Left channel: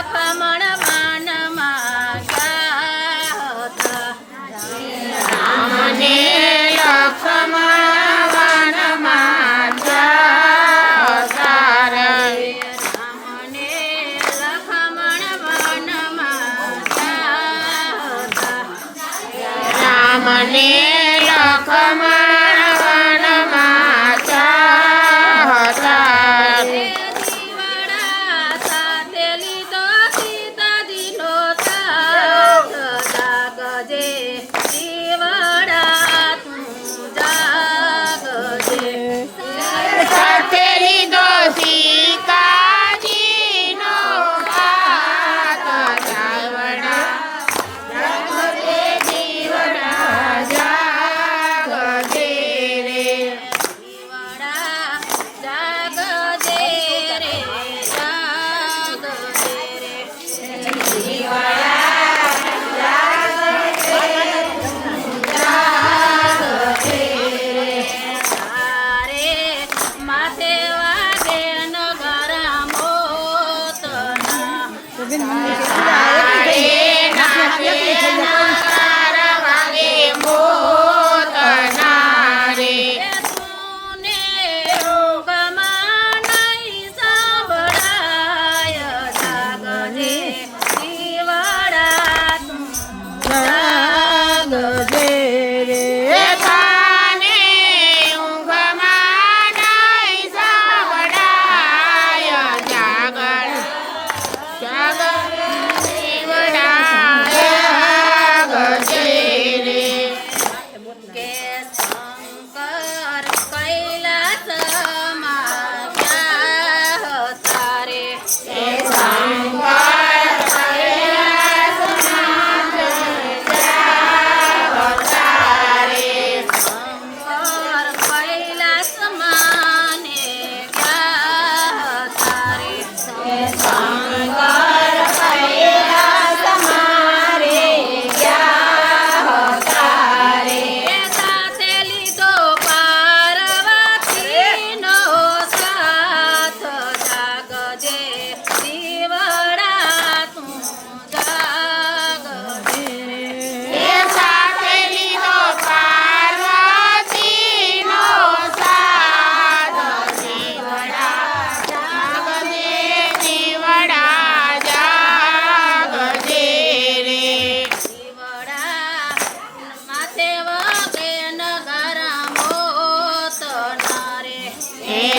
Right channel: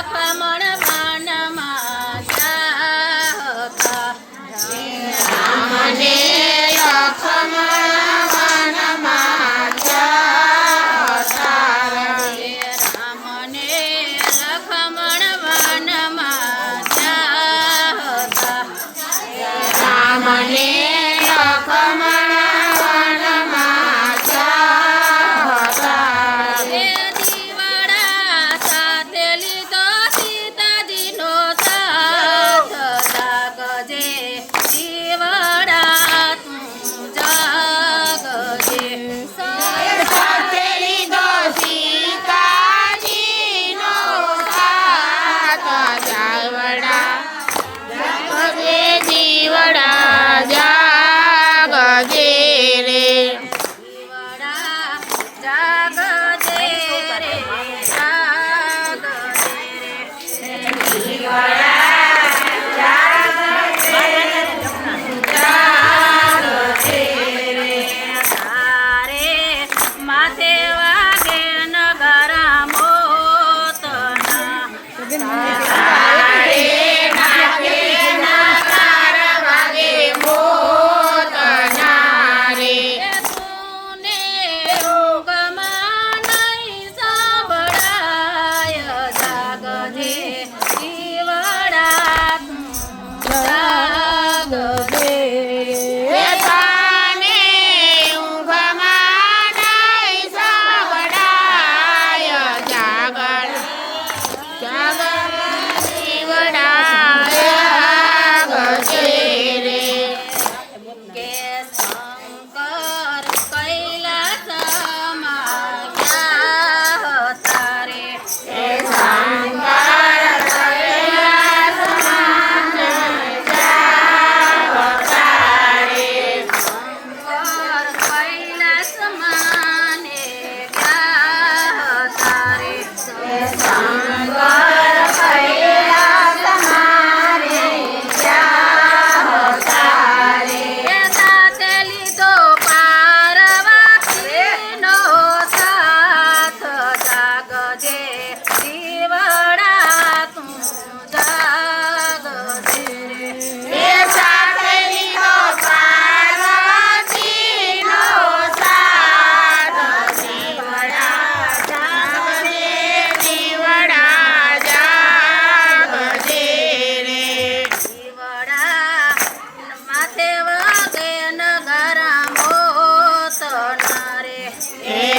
લખમણ વનમાં ગયા હતા રામને લખમણ વનમાં ગયા હતા રામને લખમણ વનમાં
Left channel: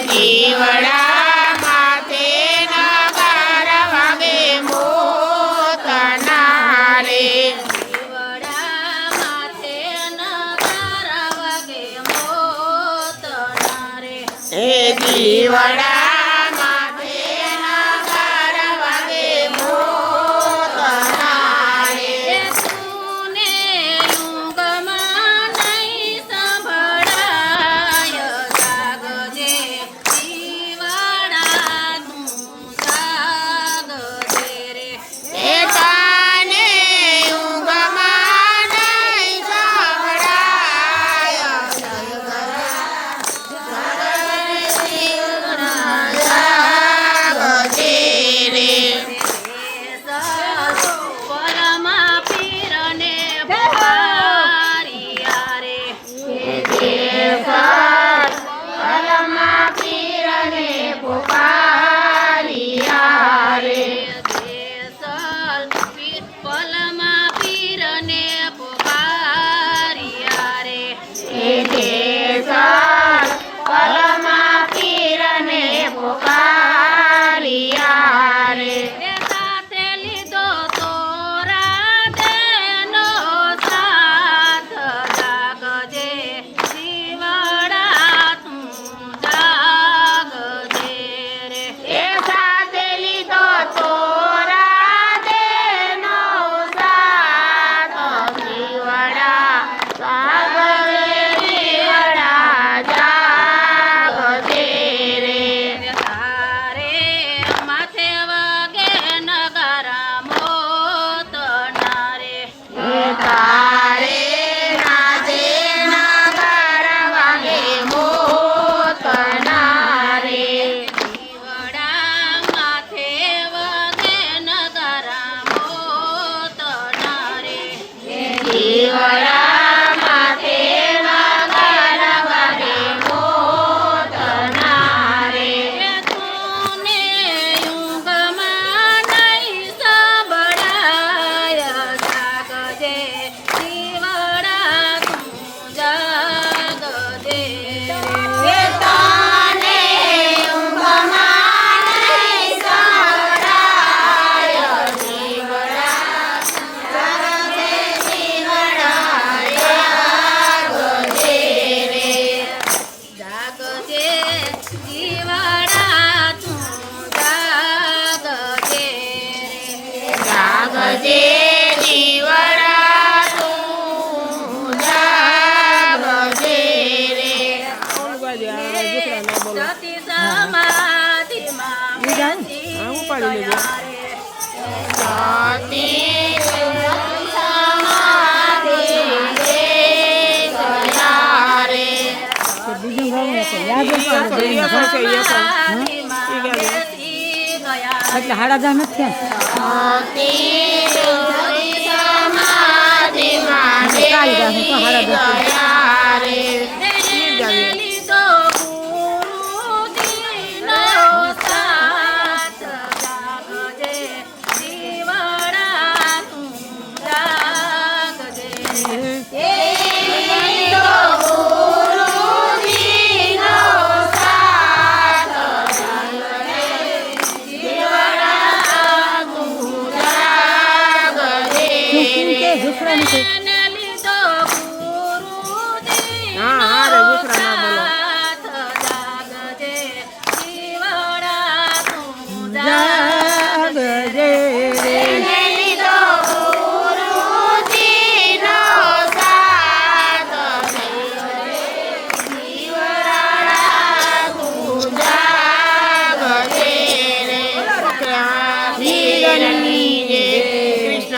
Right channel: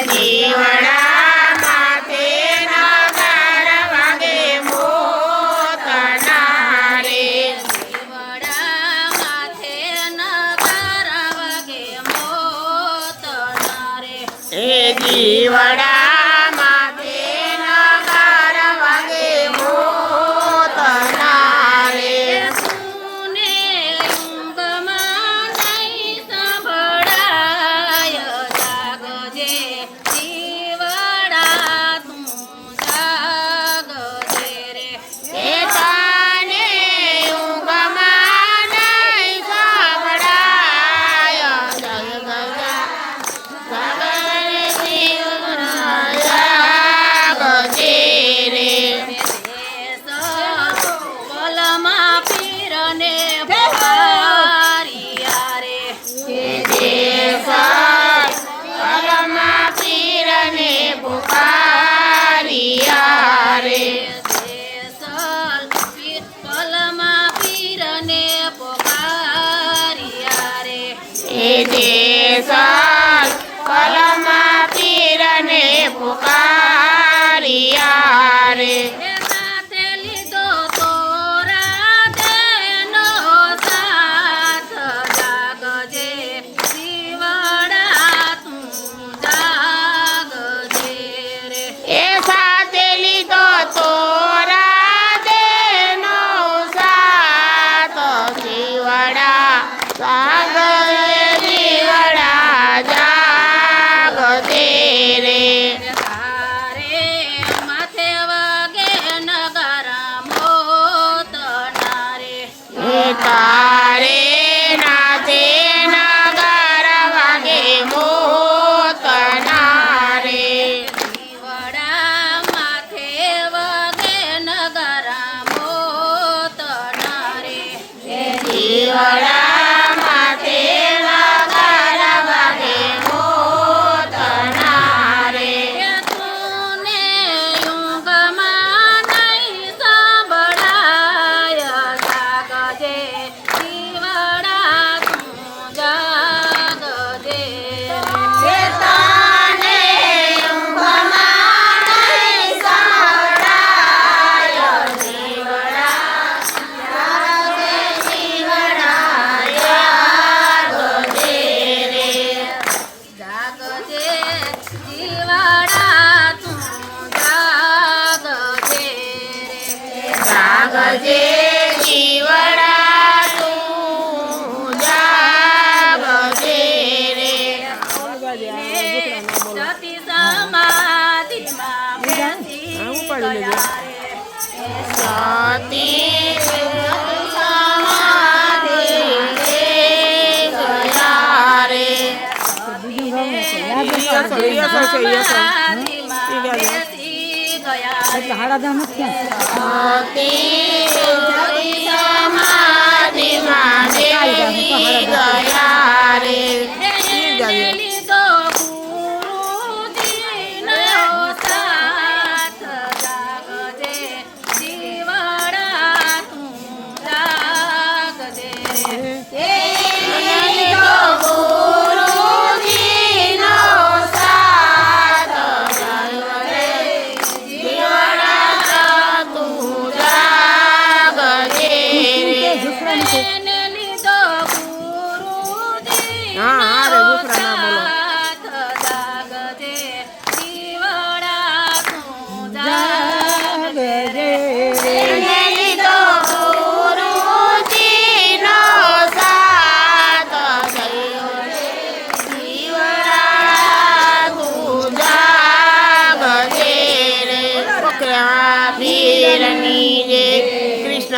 જીવડા માથે ના જીવડા માથે ના જીવડા જાગજે જીવડા તું જાગજે રે. સતી સમાધિમાં બેસી ગયા રે. સતી સમાધિ ગયા રે. સતી સમાધિમાં બેસી ગયા Allah'ım.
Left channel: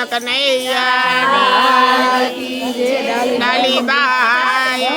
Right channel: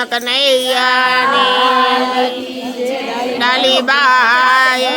કૃષ્ણ કનૈયા ડાલી બાય